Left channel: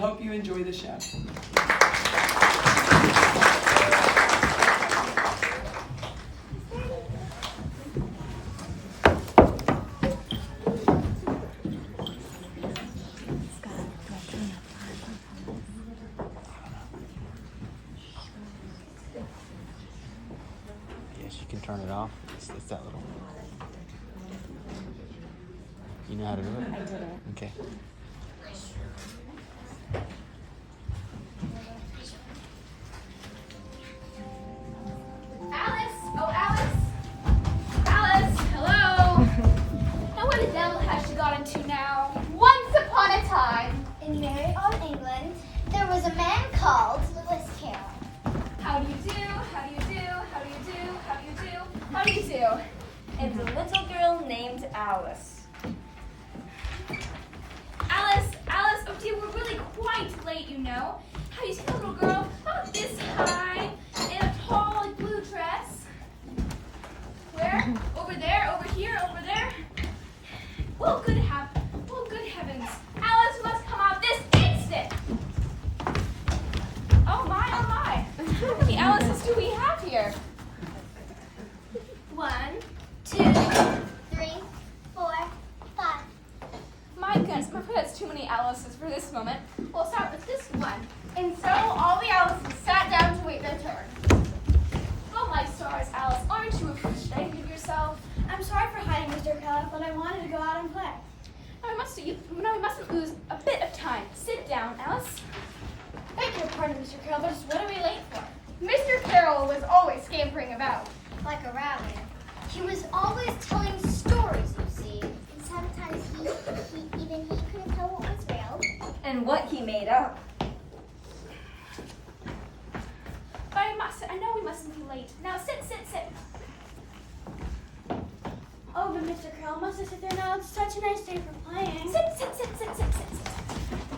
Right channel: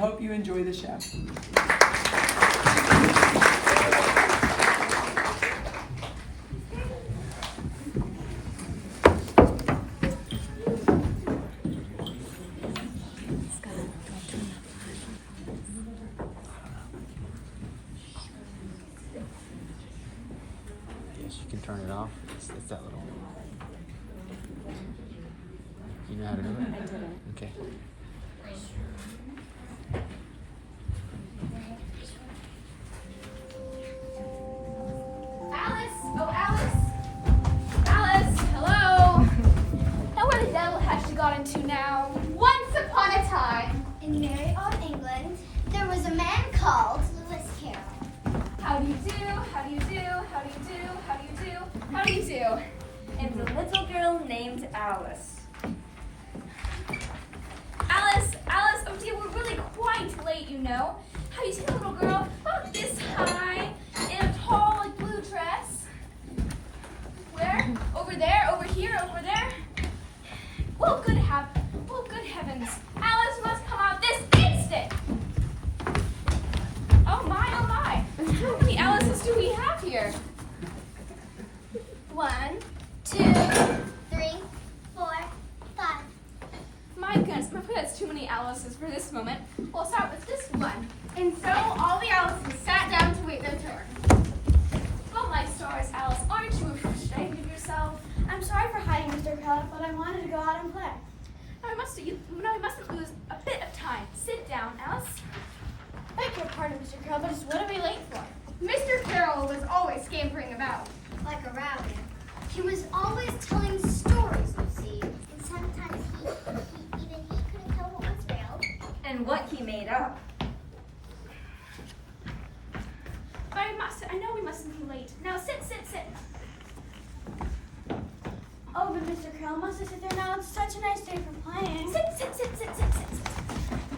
I hope you enjoy the show. Yes, you can turn it off. It's that little. You know how to do it? Okay. Alice! Oh, Alice! Alice, hello! Now what the devil has she got into now? Once upon a time, In Merry Old England, there was a man called Lewis Carroll. how do you do? How do you do? How do you do? How do you do? How do you do? And a little girl named Alice. Alice, Alice, oh dear, we're really quite late, you know. How do you see the little girl about this high in a tall, like, blue dress? Where? Over there? Over here? Over there? Oh, good heavens. Alice must come out this instant. Oh my, oh my. How many Alices do we have here? 1, 2. 3, 4, 5. My goodness, that's too many Alices for this moment. We'll start with this one. And so all the Alices sat down to wait their turn. Oh my stars, Alice, aren't you ashamed of yourself? I'm sorry for hiding, Mr. Carroll, but I wanted to go out and play. We mustn't lose a bit of time. Sit down, Alice. Beg your pardon, Mr. Carroll, but just what are we late for? Mr. Carroll was always scampering about. Like a rabbit. He was always telling stories, you see. And sometimes even he couldn't tell what was real. And what he made up. But I know we mustn't be late. Now sit. Oh, but Mr. Carroll, must I sit there now? It's such a nice day for playing. Sit.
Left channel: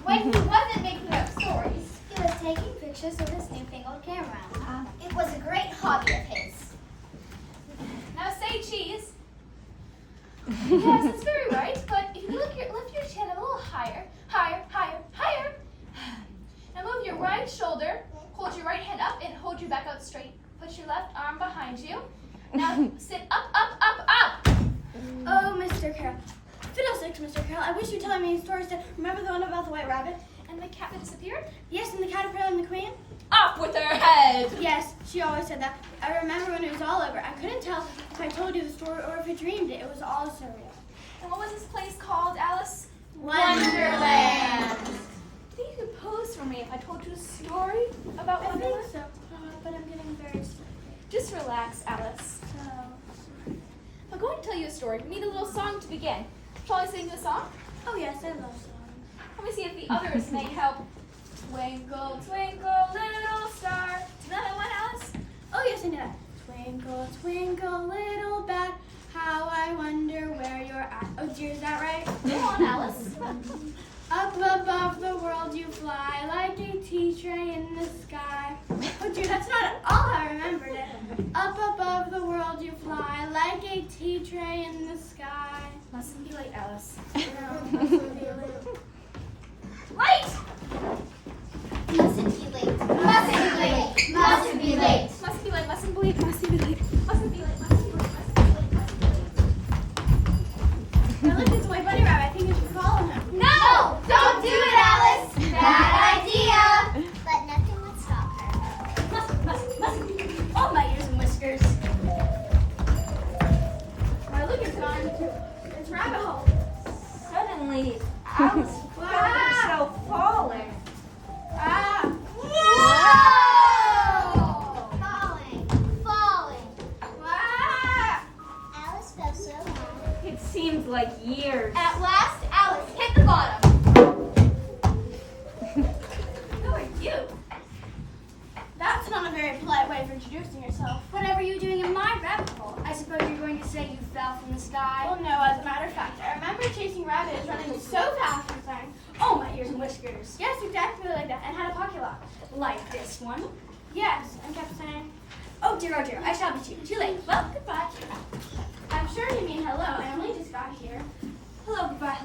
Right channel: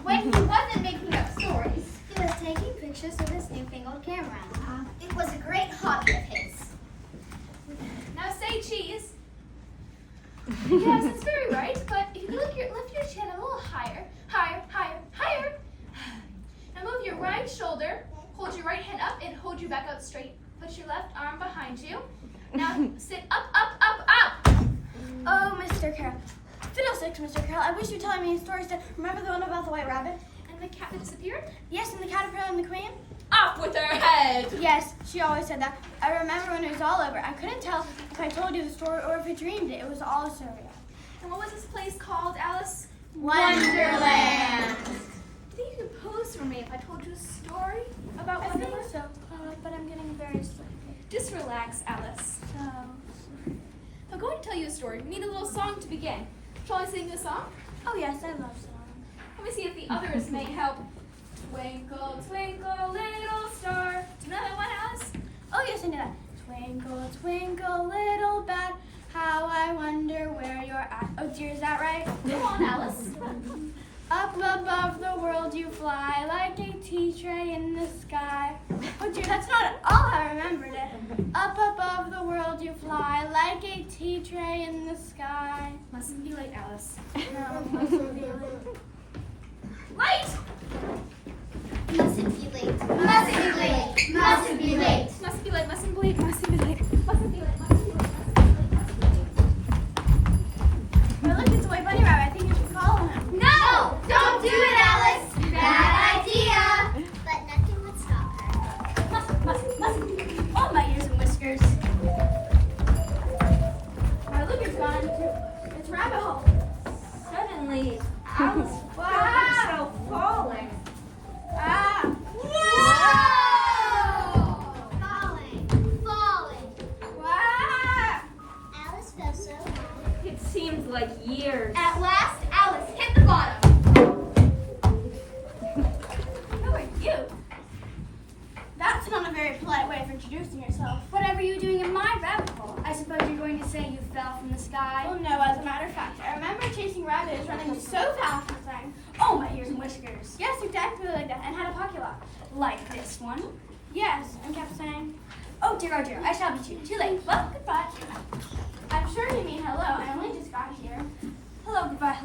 When he wasn't making up stories. He was taking pictures with his newfangled camera. It was a great hobby of his. Now say cheese. Yes, it's very right, but if you lift your chin a little higher. Now move your right shoulder, hold your right hand up and hold your back out straight. Put your left arm behind you. Now sit up. Oh, Mr. Carroll. Fiddlesticks, Mr. Carroll. I wish you'd tell me a story. Remember the one about the white rabbit? And the cat that disappeared? Yes, and the caterpillar and the queen? Off with her head! Yes, she always said that. I remember when it was all over. I couldn't tell if I told you the story or if I dreamed it. It was all surreal. And what was this place called, Alice? Wonderland. Do you think you could pose for me if I told you a story about I think Wonderland? so, but I'm getting very sleepy. Just relax, Alice. So, I'm going to tell you a story. We need a little song to begin. Shall I sing the song? oh yes, I love songs. Let me see if the others may help. Twinkle, twinkle, little star. Do you know that one, Alice? Oh yes, I know that. Twinkle, twinkle, little bat, how I wonder where you're at. Oh dear, is that right? Go on, Alice. Up above the world you fly, like a tea tray in the sky. Oh dear, that's not at all how I remembered it. Up above the world you fly, like a tea tray in the sky. Mustn't be late, Alice. No, mustn't be late. Late! Mustn't be late. Mustn't be late. Mustn't be late. Mustn't be late, mustn't be late, mustn't be late. Mustn't be late, Now look, it's a white bunny rabbit. I think you should follow him. No! Don't do it, Alice! Bad idea. But nothing would stop her. Mustn't. Oh, my ears and whiskers. My look is gone. It's rabbit hole. Suddenly, Alice felt herself falling. Ah. Falling. Ah. Alice felt so high. It seemed like years. At last, Alice hit the bottom. Who are you? That's not a very polite way of introducing yourself. Whatever are you doing in my rabbit hole? I suppose you're going to say you fell from the sky. Oh no, as a matter of fact, I remember chasing rabbits running so fast and saying, oh, my ears and whiskers. Yes, exactly like that, and had a pocket lock. Like this one? Yes, and kept saying, oh dear, I shall be too late. Well, goodbye. I'm sure you mean hello, I only just got here. Hello, goodbye,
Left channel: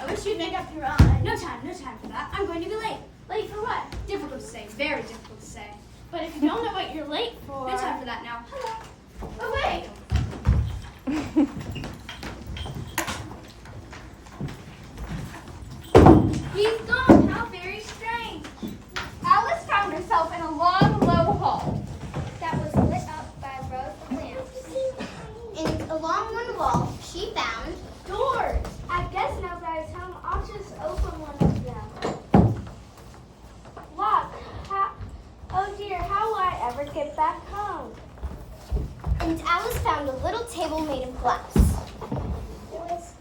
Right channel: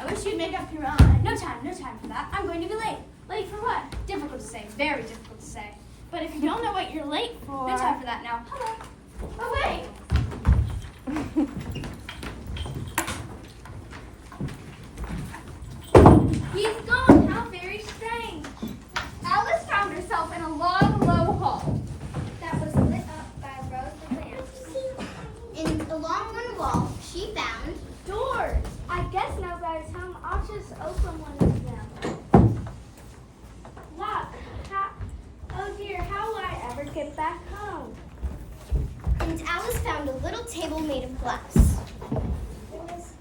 I wish you'd make up your mind. No time for that. I'm going to be late. Late for what? Difficult to say, very difficult to say. But if you don't know what you're late for... No time for that now. Hello. Oh, wait. He's gone. How very strange. Alice found herself in a long, low hall. That was lit up by rows of lamps. And along one wall, she found Doors. I guess nobody's home. I'll just open one of them. Lock. Oh dear, how will I ever get back home? and Alice found a little table made of glass. There was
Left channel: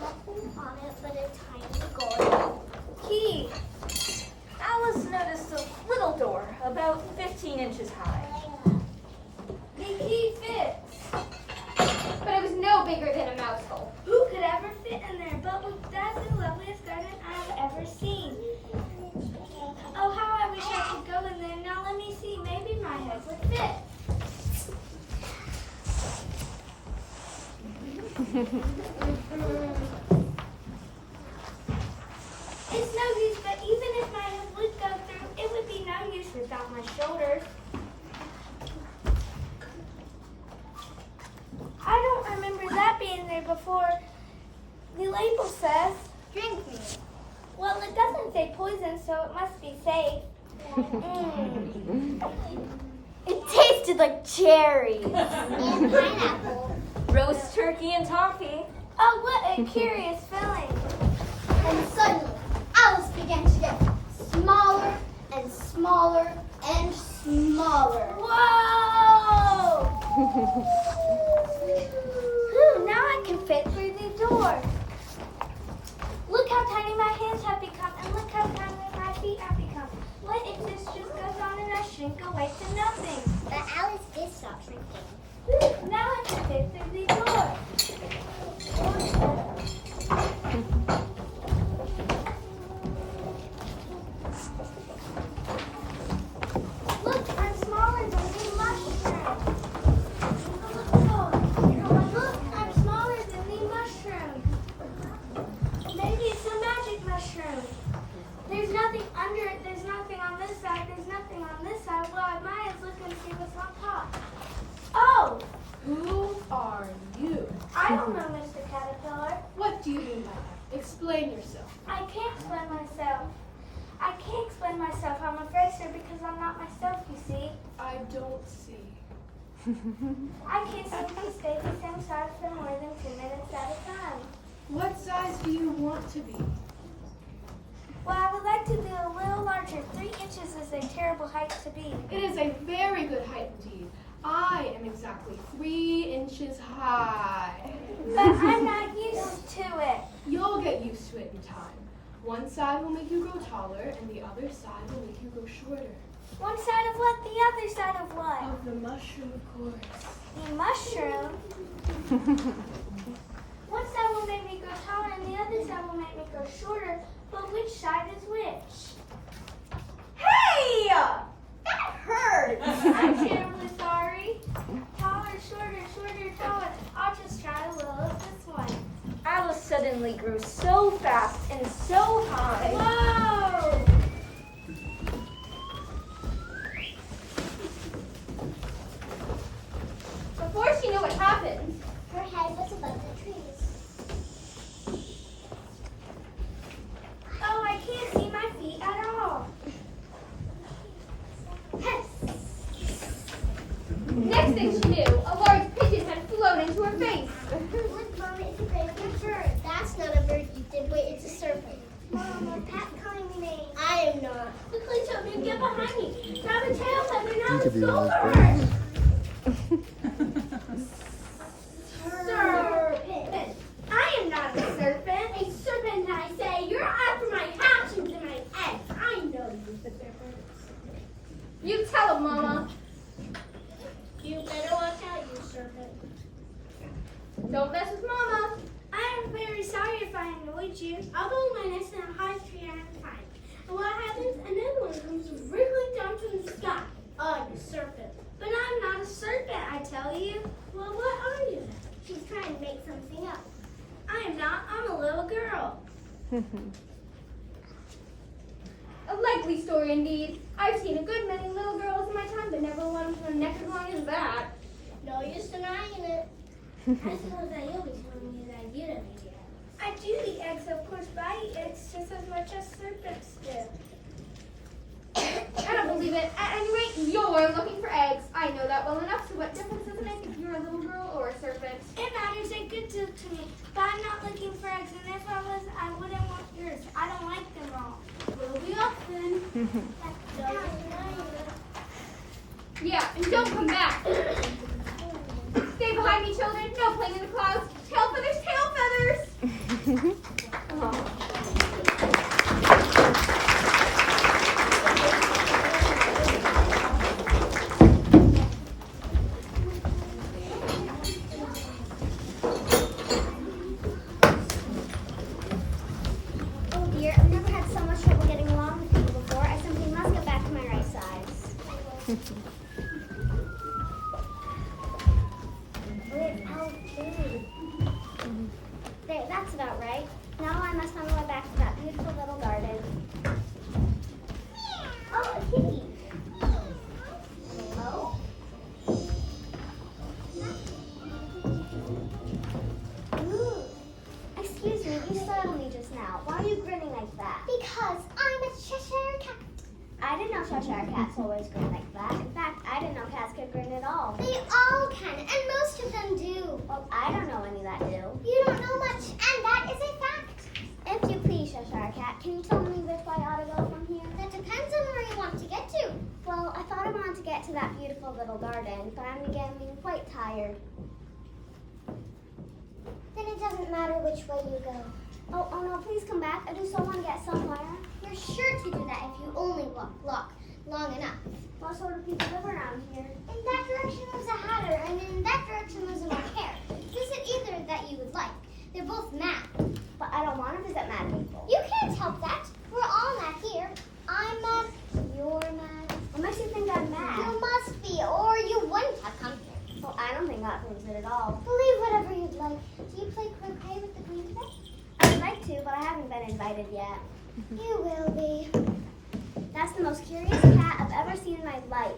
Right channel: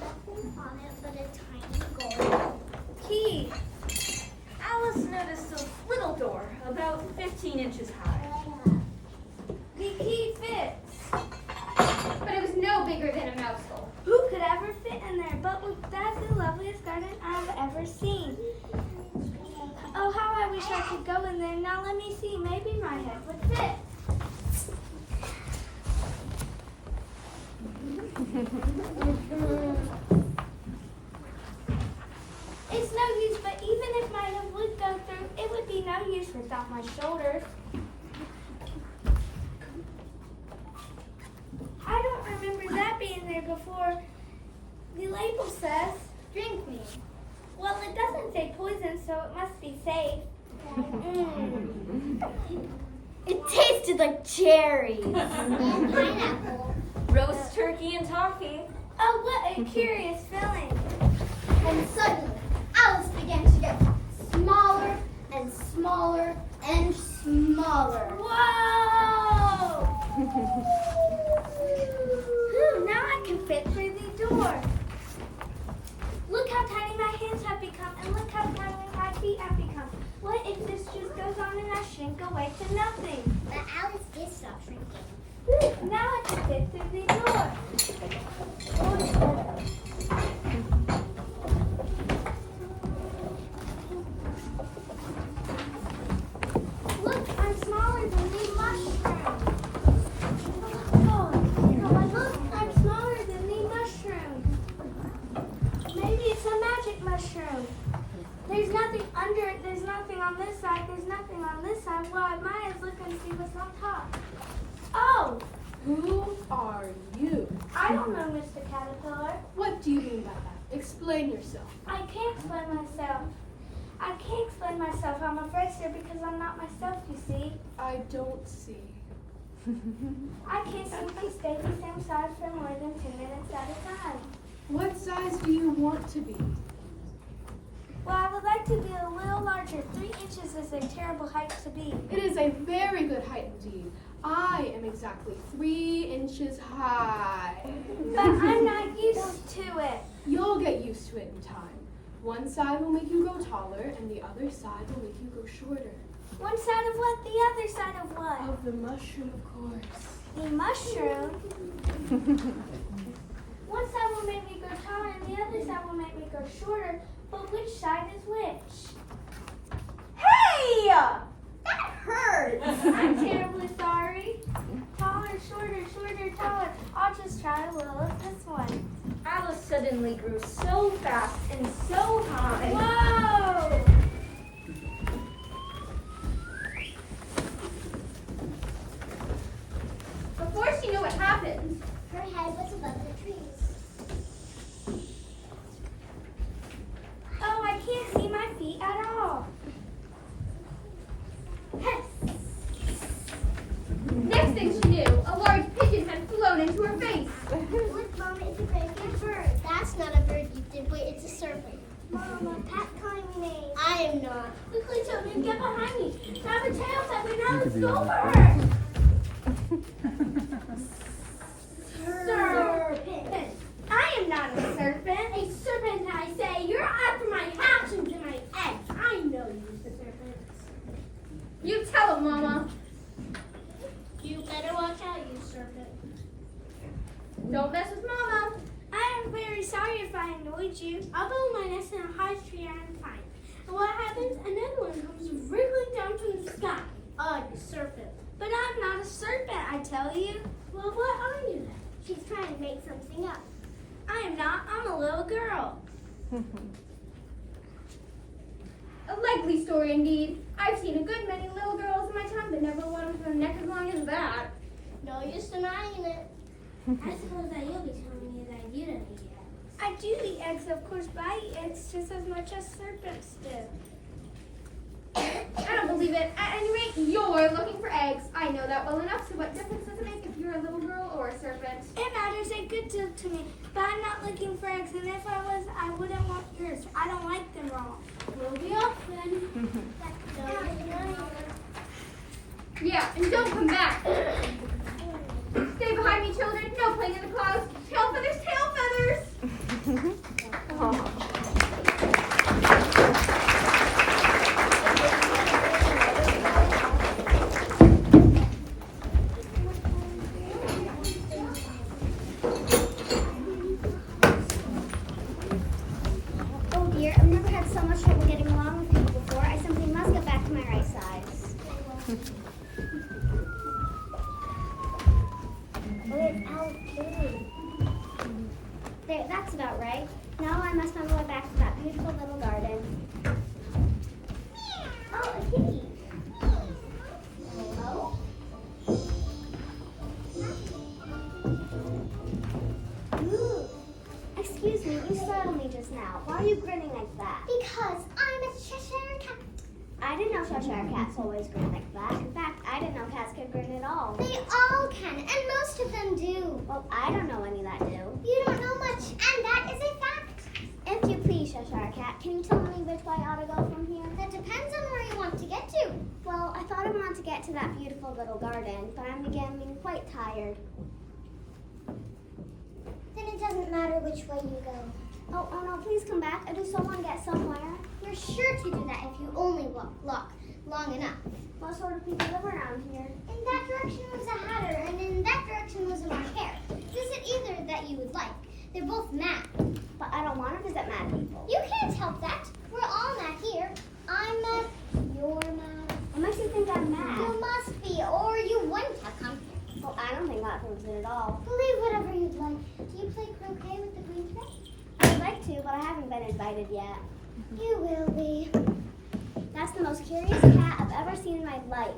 nothing on it but a tiny gold Key. Alice noticed a little door, about 15 inches high. The key fits. But it was no bigger than a mouse hole. Who could ever fit in there? But that's the loveliest garden I've ever seen. Oh, how I wish I could go in there. Now let me see. Maybe my head would fit. It's no use, but even if my head would go through, it would be no use without my shoulders. I don't remember that being there before. The label says, drink me. well, it doesn't say poison, so it must be safe. It tasted like cherries and pineapple. Roast turkey and toffee. Oh, what a curious feeling. And suddenly, Alice began to get smaller and smaller and smaller. Whoa! Ooh, now I can fit through the door. Look how tiny my hands have become, and look how tiny my feet have become. What if this just goes on and I shrink away to nothing? But Alice did stop shrinking. Ooh, now I can fit through the door. Look, I'm smaller than the mushroom. Look, I'm smaller than the mushroom. Maybe it's a magic mushroom. There's nothing under it. There's nothing on this side. There's nothing on this side. Well, I might as well look and see what's on top. Oh, Who are you? I don't know, Mr. Caterpillar. What do you mean by that? Explain yourself. I can't explain myself. I can't explain myself. I'm afraid, sir, because I'm not myself, you see. I don't see. I can't simply stay the same size for more than 10 minutes at a time. What size do you want to be? Well, I would like to be a little larger. 3 inches is a terrible height to be. It is a very good height indeed. I am exactly 3 inches high. But I'm not used to it. You'll get used to it in time. One side will make you grow taller, and the other side will make you grow shorter. One side of what? The other side of what? Of the mushroom, of course. The mushroom. One side will make me grow taller and the other side will make me grow shorter. But which side is which? Hey! That hurts! I'm terribly sorry. Taller, shorter, shorter, taller. I'll just try a little of this one. Alice suddenly grew so fast and so high. Whoa! Before she knew what happened, Her head was above the trees. Oh, I can't see my feet at all. yes. Next thing she knew, a large pigeon had flown into her face. Look, Mama, it's a great bird. That's not a bird, you dimwit. It's a serpent. Mama, Pat's calling me names. I am not. Quickly, children, get behind me. Grab a tail that we now could be go on for this her. Serpent. I am not a serpent. A serpent, I say. You're after my hatchings and my eggs. I know you're the serpent. You tell him, Mama. You better watch out, you serpent. Don't mess with Mama. I am very sorry if I annoyed you. I'll build my nest in a high tree at a time. And what happens? Another one comes wriggling down from the sky. Oh, you serpent. But I'm not a serpent, I tell you. Well, what are you then? She's trying to make something up. I am not. I'm a little girl. likely story indeed. I've seen a good many little girls in my time, but never one with a neck as long as that. No use denying it. I suppose that you'll be telling me that you don't eat eggs. I do eat eggs, of course, but I eat eggs just as much as serpents do. I don't believe it. At any rate, you're looking for eggs. I know that well enough, so what difference does it make if you're a little girl or a serpent? It matters a good deal to me, but I'm not looking for eggs, and if I was, I wouldn't want yours. I don't like them all. We'll be off then. No use denying it. Yeah, and don't come back. Stay behind me, children. No playing in the clouds. Tail feathers, tail feathers. Oh dear, I've never had so much trouble getting along with people before. I simply must get back to my right size. There, that's about right. Now I must find my way back to that beautiful little garden. Oh, a kitty. Oh. Ooh. Excuse me, you startled me just now. Why are you grinning like that? Because I'm a Cheshire cat. I didn't know Cheshire cats always grin like that. In fact, I didn't know cats could grin at all. They all can, and most of them do. Well, I don't know any that do. You don't know much, and that is a fact. If you please, Cheshire cat, can you tell me which way I ought to go from here? That depends on where you want to get to. Well, I thought I wanted to get to that beautiful little garden, but I'm getting quite tired. Then it doesn't matter which way you go. Oh no, please come back. I do so want to get somewhere. You're sure to do that if you only walk long enough. What sort of people live around here? In that direction was a hatter, and in that direction was a March hare. Visit either that you would like. They're both mad. But I don't want to visit mad people. You can't help that. We're all mad here. I'm mad. You're mad. What makes you think I'm mad? You must be, or you wouldn't have come here. Well, I don't think that proves it at all. Believe whatever you'd like. Do you play croquet with the green today? I'd like to, but I haven't been invited yet. You will be. That's the most curious cat I've ever seen in my life.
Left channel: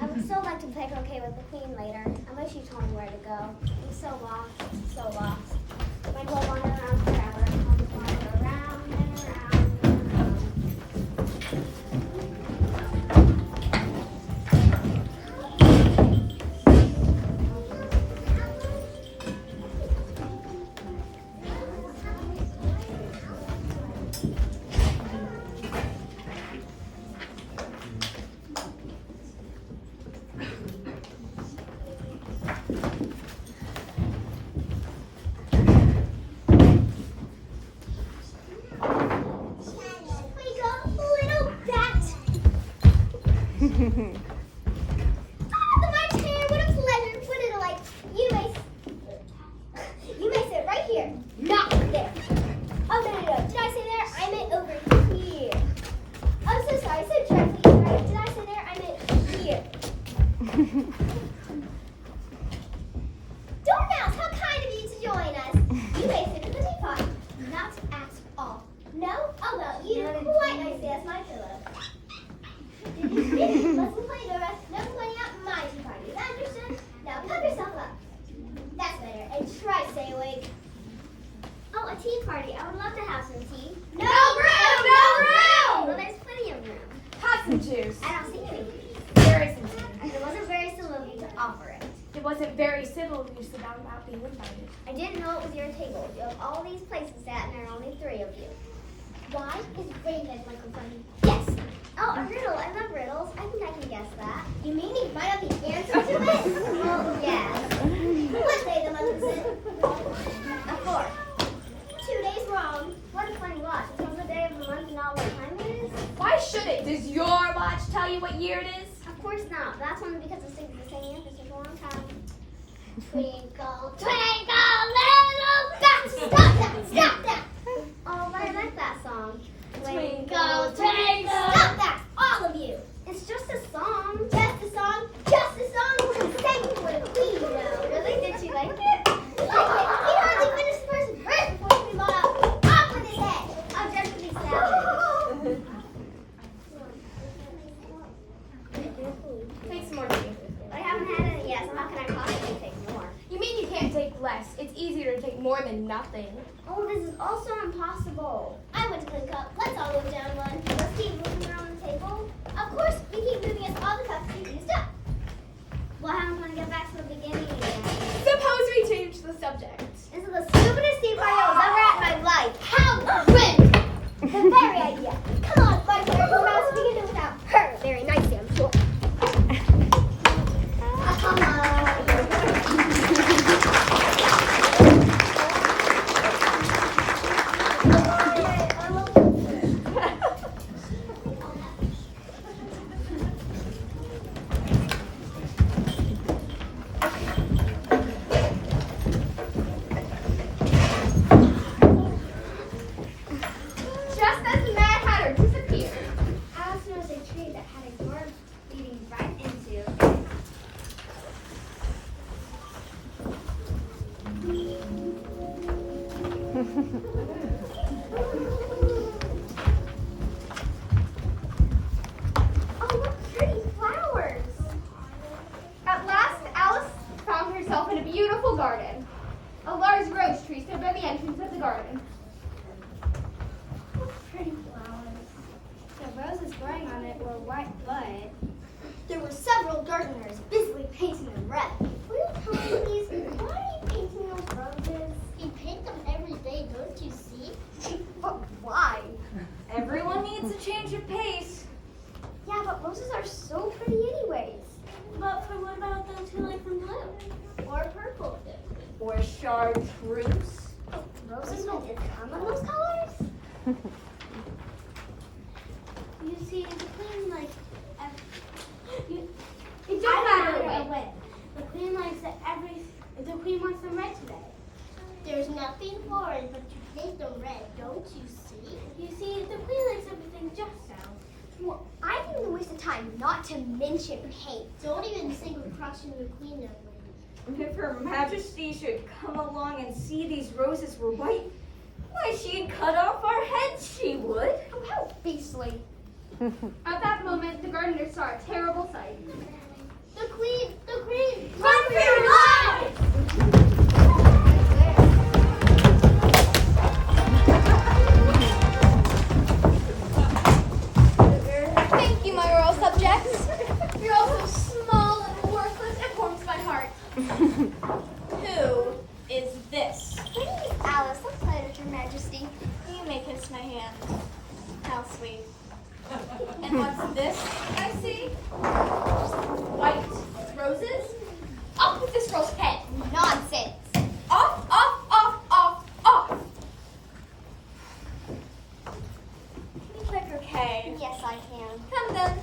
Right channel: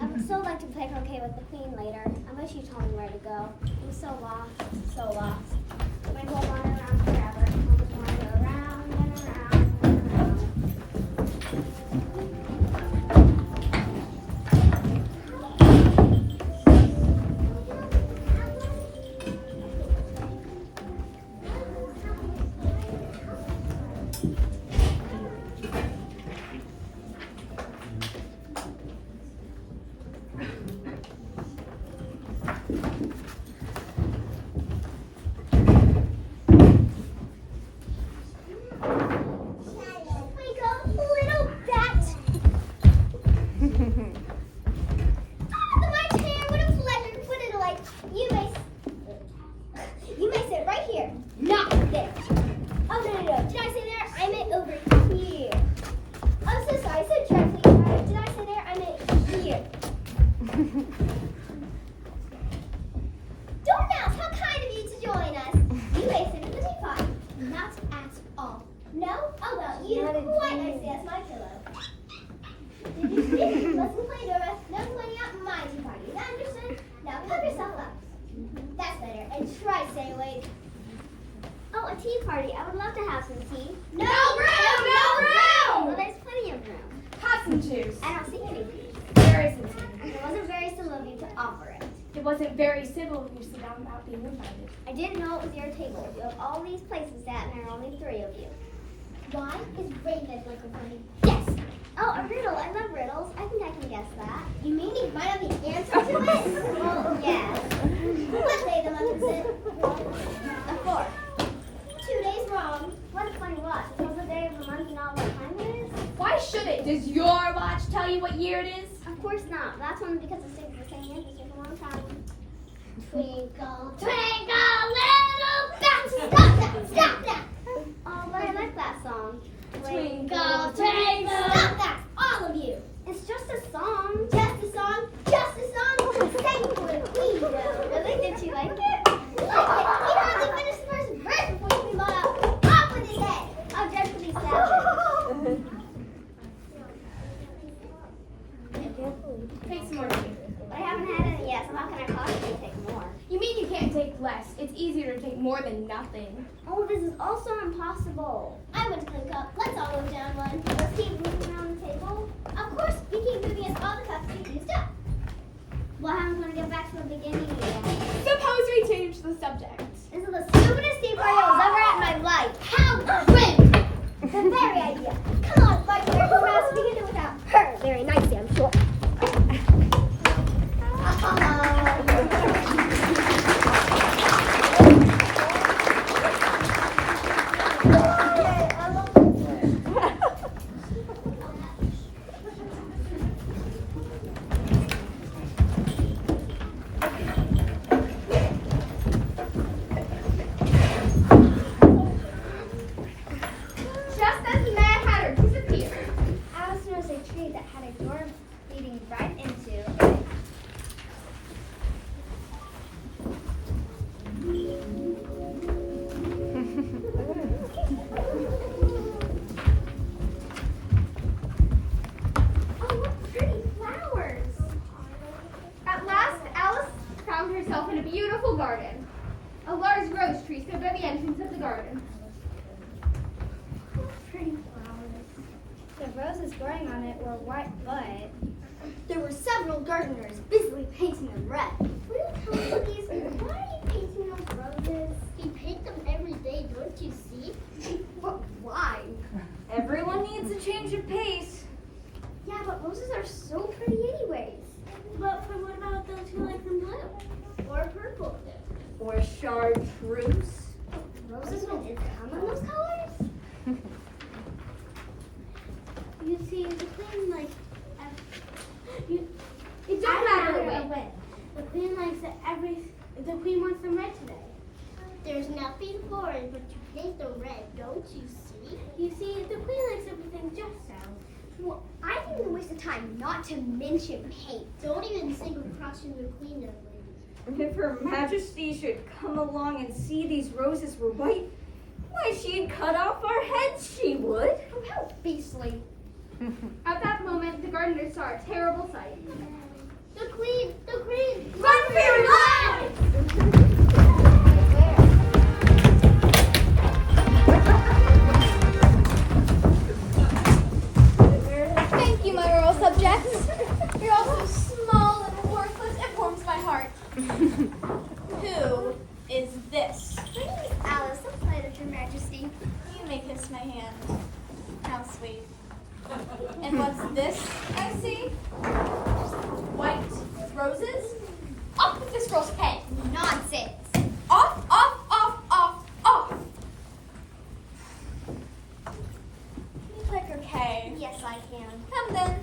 I would so like to play croquet with the queen later. I wish you told me where to go. I'm so lost. So lost. My whole wander around forever. I'll just wander around and around and around. I didn't know it was your table. You have all these places sat and there are only 3 of you. Why is Raven like a funny? Yes! Oh, a riddle. I love riddles. I think I can guess that. You mean you might have the answer to it? Well, yes. What day of the month is it? A 4. 2 days wrong. What a funny watch. It tells the day of the month and not what time it is? Why should it? Does your watch tell you what year it is? Of course not. That's only because it stays the same answer for a long time. Twinkle, twinkle, little bat. Stop that! Stop that! Oh, but I like that song. Twinkle, twinkle. Stop that! All of you. It's just a song. Just a song. Just a song. Sing for the queen, though. Really? Did you like it? Like it. He hardly finished the first verse before he came off with his head. I'll judge for these savage. more than nothing. Oh, this is also impossible. I want to clean cup. Let's all move down one. Let's keep moving around the table. Of course, we keep moving as all the cups get used up. Well, I'm going to get back to the beginning again. Suppose we change the subject. This is the stupidest thing I was ever at in my life. How cringe! The very idea. Come on, my dear, who else we can do without her? Very nicely, I'm sure. Come on. Just as the Mad Hatter disappeared. Alice knows a tree that had a door leading right into. Oh, look, pretty flowers. At last, Alice found herself in a beautiful garden. A large rose tree stood by the entrance of the garden. Pretty flowers. The roses growing on it were white, but there were several gardeners busily painting them red. Will you tell me, please, why are you painting those roses? You paint them every day, don't you see? But why? Everyone needs a change of pace. Yeah, but roses are so pretty anyways. But what about those who like them blue? Or purple? Or chartreuse. Roses don't come in those colors? You see, the queen likes. It don't matter the way. The queen likes it the queen wants them red today. There's nothing for it but to paint them red, don't you see? You see, the queen likes everything just so. Well, I think it's a waste of time not to mention paint. Don't even sing or cross the queen, young lady. If Her Majesty should come along and see these roses were white, why, she'd cut off our heads, she would. Oh, how beastly. At that moment, the gardeners saw a terrible sight. The queen! Run for your lives! Thank you, my royal subjects. You're all so small and worthless. It warms my heart. Who is this? My name is Alice. I'm flattered, Your Majesty. You may kiss my hand. How sweet. And what's this I see? White roses? Off with this girl's head. Nonsense. Off, off, off, off, off. Can you play croquet? Yes, I can. Come then.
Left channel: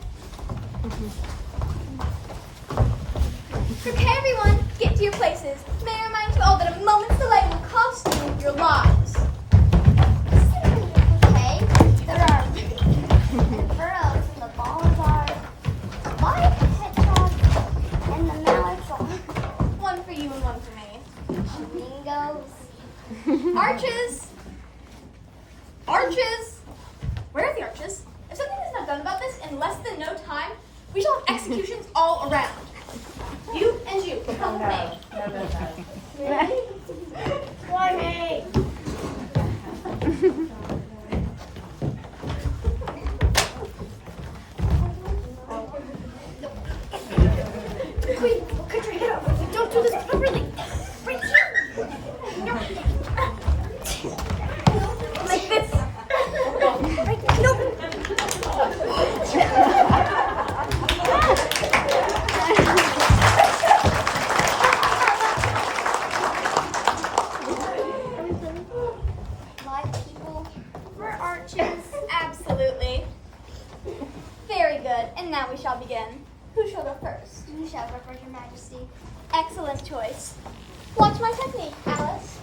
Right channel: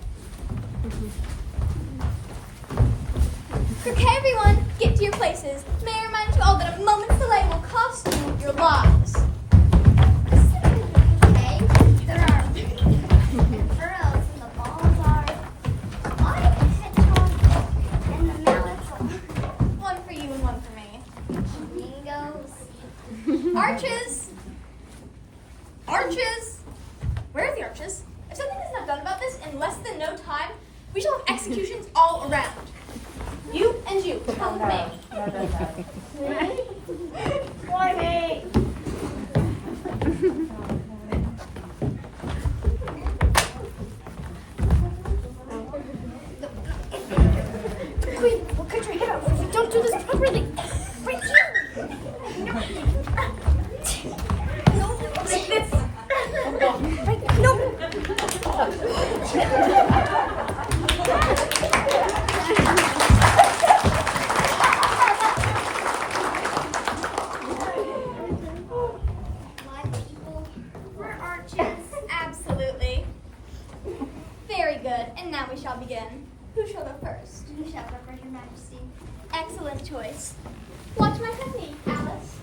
Croquet, everyone. Get to your places. May I remind you all that a moment's delay will cost you your lives. Okay. There are furrows, and the balls are a lot of hedgehogs, and the mallets are One for you and one for me. flamingos. Arches! Arches! Where are the arches? If something is not done about this in less than no time, we shall have executions all around. You and you, come with me. Why me? Queen, Katrina, no. Don't do this properly. Right here. No. Like this. Right, no. For arches, absolutely. Very good, and now we shall begin. Who shall go first? You shall go first, Your Majesty. Excellent choice. Watch my technique, Alice.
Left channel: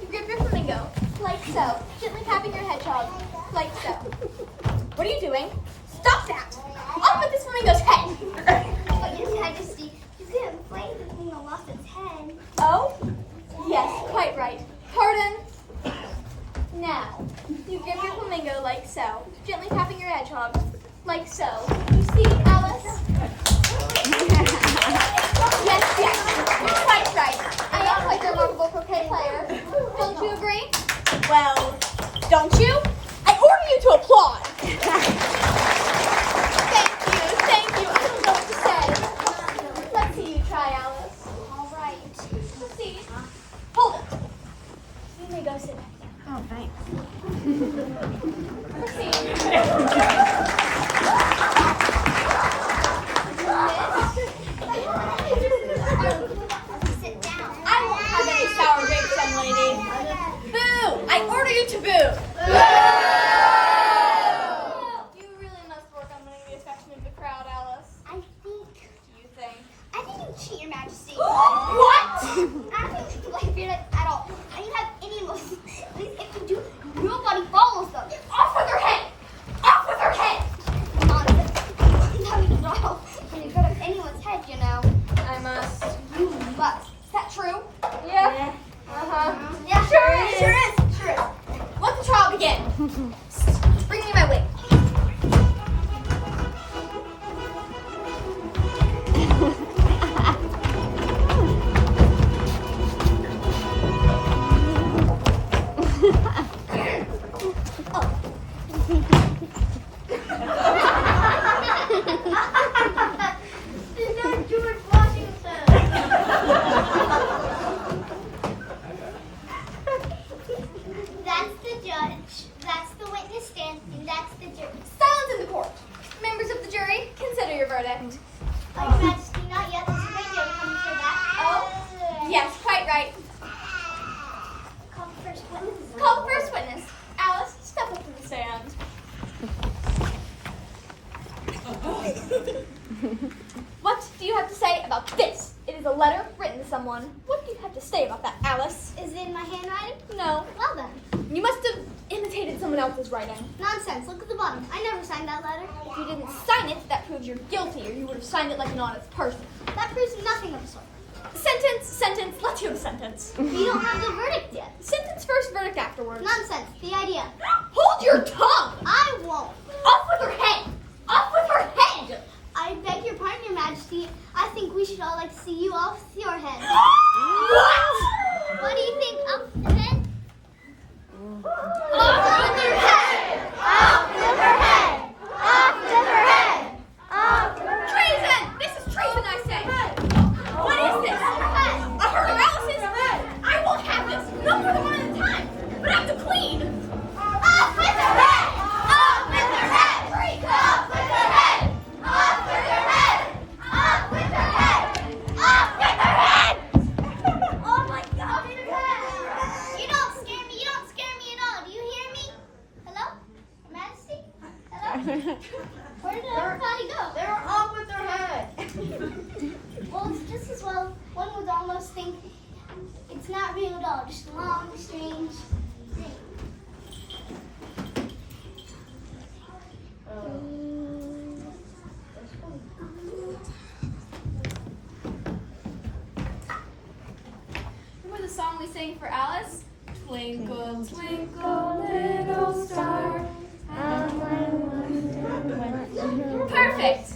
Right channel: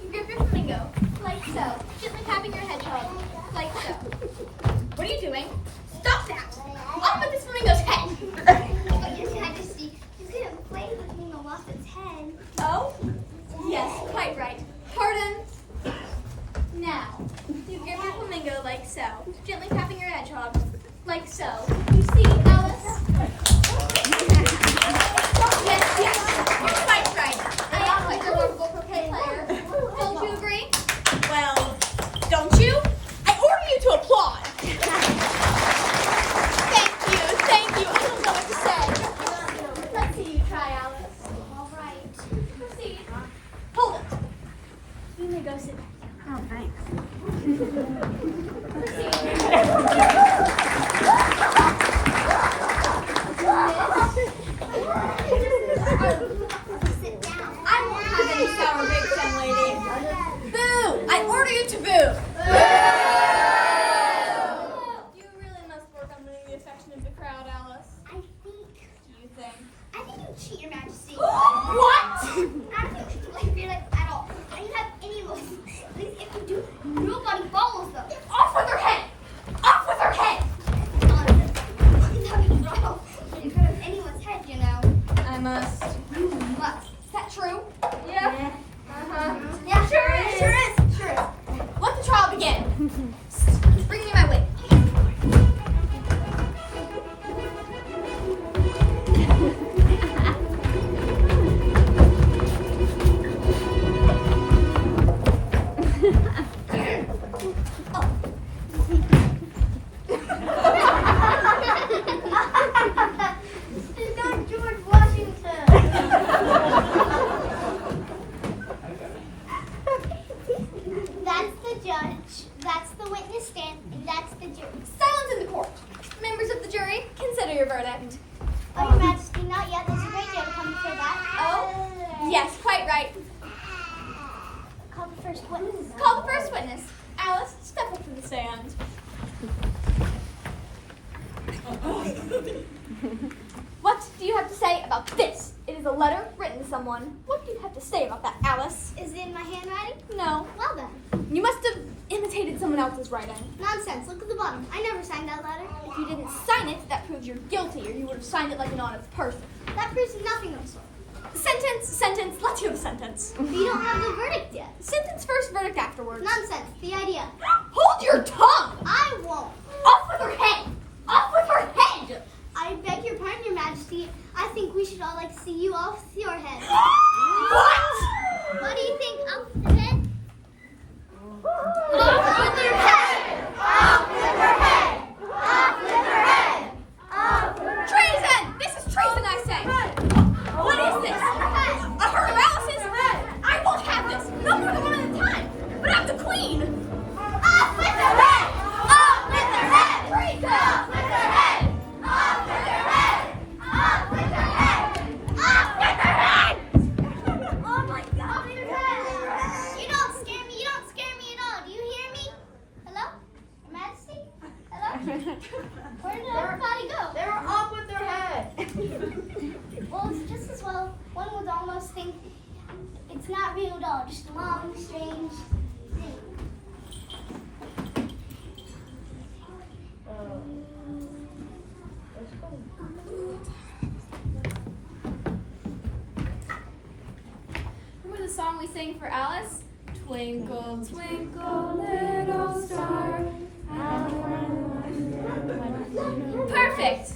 You grip your flamingo, like so. Gently tapping your hedgehog, like so. What are you doing? Stop that! Off with this flamingo's head! But Your Majesty, you couldn't play the flamingo lost its head. Oh? Yes, quite right. Pardon. Now, you grip your flamingo like so. Gently tapping your hedgehog, like so. You see, Alice? Yes, yes. Quite right. And I act like a lovable croquet player. Thank you. I don't know what to say. Let's see you try, Alice. All right. Let's see. Hold it. You may go sit down. Oh, thanks. Let's see. Sit down. I won't have any sour grapes, young lady. Boo! I order you to boo. You really must work on winning the affection of the crowd, Alice. I think You think? you cheat, Your Majesty. What? I don't think like it at all. I didn't have any emotions. If you do, nobody follows them. Off with her head! Off with her head! Nonsense. That means no. When you cut off anyone's head, you know. I must. But Is that true? Yeah. Uh-huh. yeah, Sure is. Let the trial begin. Bring me my wig. That's the judge. That's the witness stand, and that's the jury. Silence in the court. Members of the jury, consider your verdict. Oh, Your Majesty, not yet. There's a great deal coming for that. Oh? Yes, quite right. Call the first witness. Call the first witness. Alice, step up to the stand. What do you have to say about this? It is a letter written to someone. What do you have to say about that, Alice? Is it in my handwriting? No. Well then. You must have imitated someone else's writing. Nonsense. Look at the bottom. I never signed that letter. If you didn't sign it, that proves you're guilty, or you would have signed it like an honest person. That proves nothing of the sort. Sentence. Let's hear the sentence. We don't have the verdict yet. Sentence first, verdict afterwards. Nonsense. The idea. Hold your tongue! I won't. Off with her head! Off with her head! I beg your pardon, Your Majesty. I think we should all like to see you off your head. What? What do you think? Off the head? Off with her head! Off with her head! Off with her head! Treason! This is treason, I say! What is this? A herd of Alice's? I won't have this! No more than one at a time! But I'm the queen! Off with her head! Off with her head! Treason! Off with her head! Off with her head! Off with her head! Off with her head! Oh my God! You don't scare me. You don't scare me at all. Do you hear me? Hello? Your Majesty? Hello? Where did everybody go? They were off with their head. Well, it's just as well. One would almost think it's not real at all. Just a long, strange thing. Remember the song we sang for Alice? Twinkle, twinkle, little star. Perfect.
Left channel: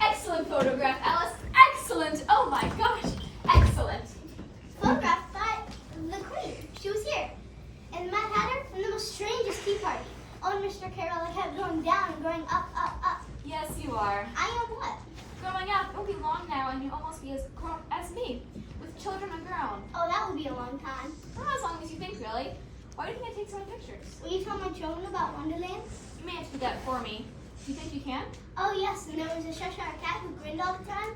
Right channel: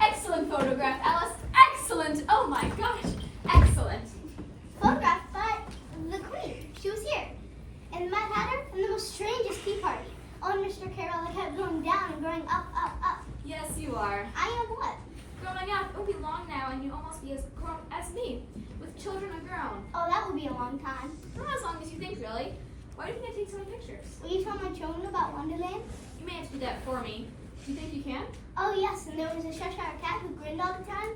Excellent photograph, Alice. Excellent. Oh my gosh. Excellent. Photographed by the Queen. She was here. And the Mad Hatter and the most strangest tea party. Oh, and Mr. Carroll, I kept going down and going up, up, up. Yes, you are. I am what? Growing up, it'll be long now, and you'll almost be as grown as me, with children of your own. Oh, that will be a long time. Not as long as you think, really. Why do you think I take so many pictures? Will you tell my children about Wonderland? You may have to do that for me. Do you think you can? Oh, yes, and there was a Cheshire cat who grinned all the time,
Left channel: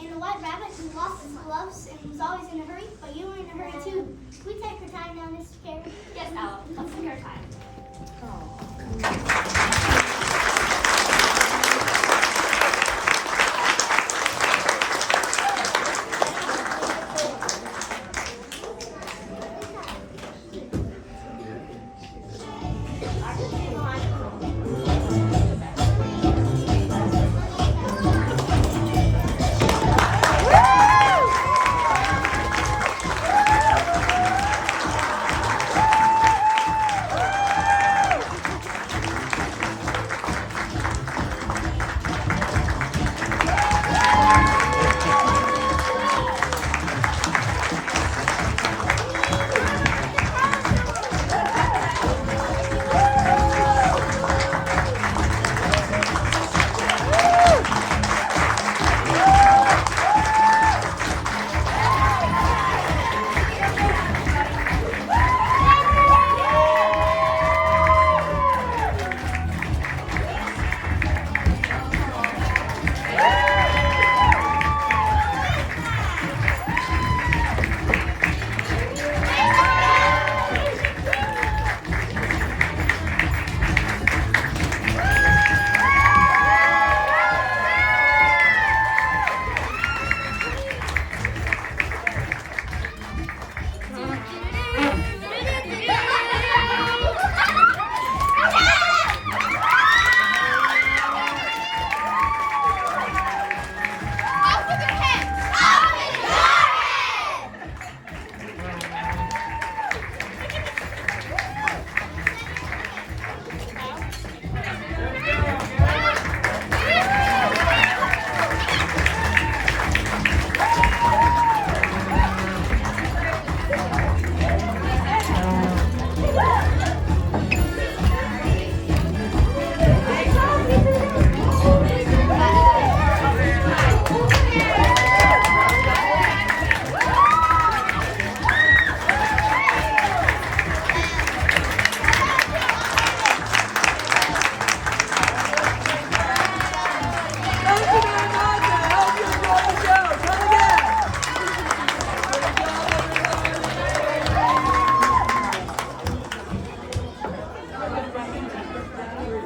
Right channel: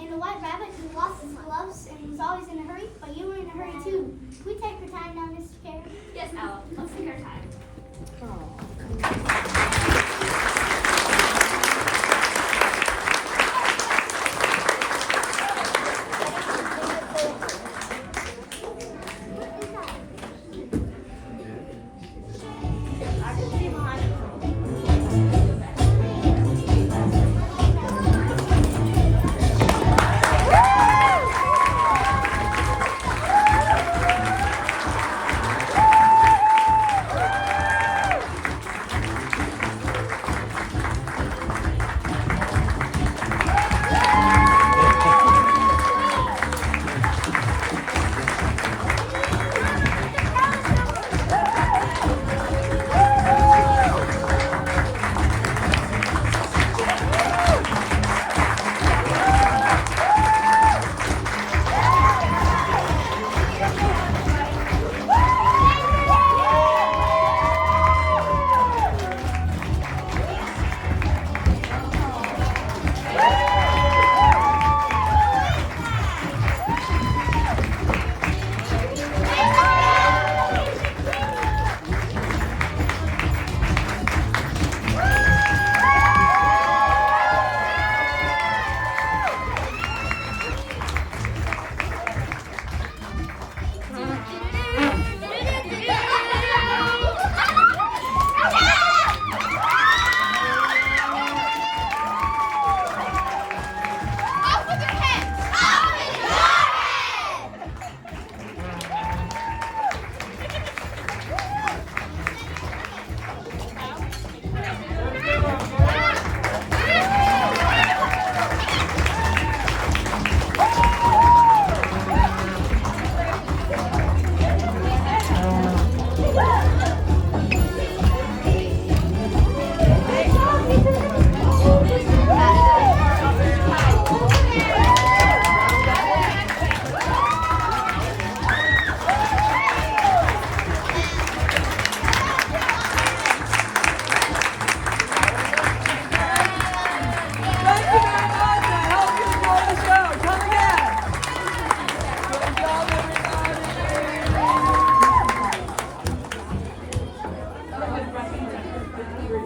and a white rabbit who lost his gloves and was always in a hurry, but you were in a hurry too. Can we take her time now, Mr. Carroll? Yes, Al. Let's take our time.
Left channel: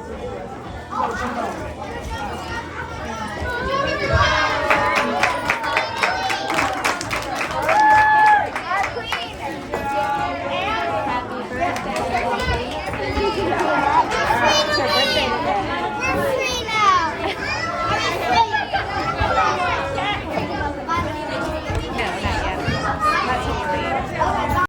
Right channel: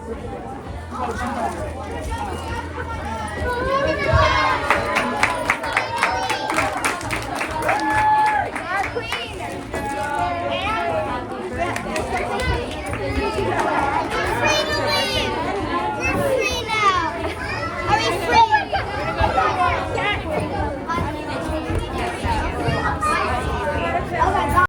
Watch out, everyone!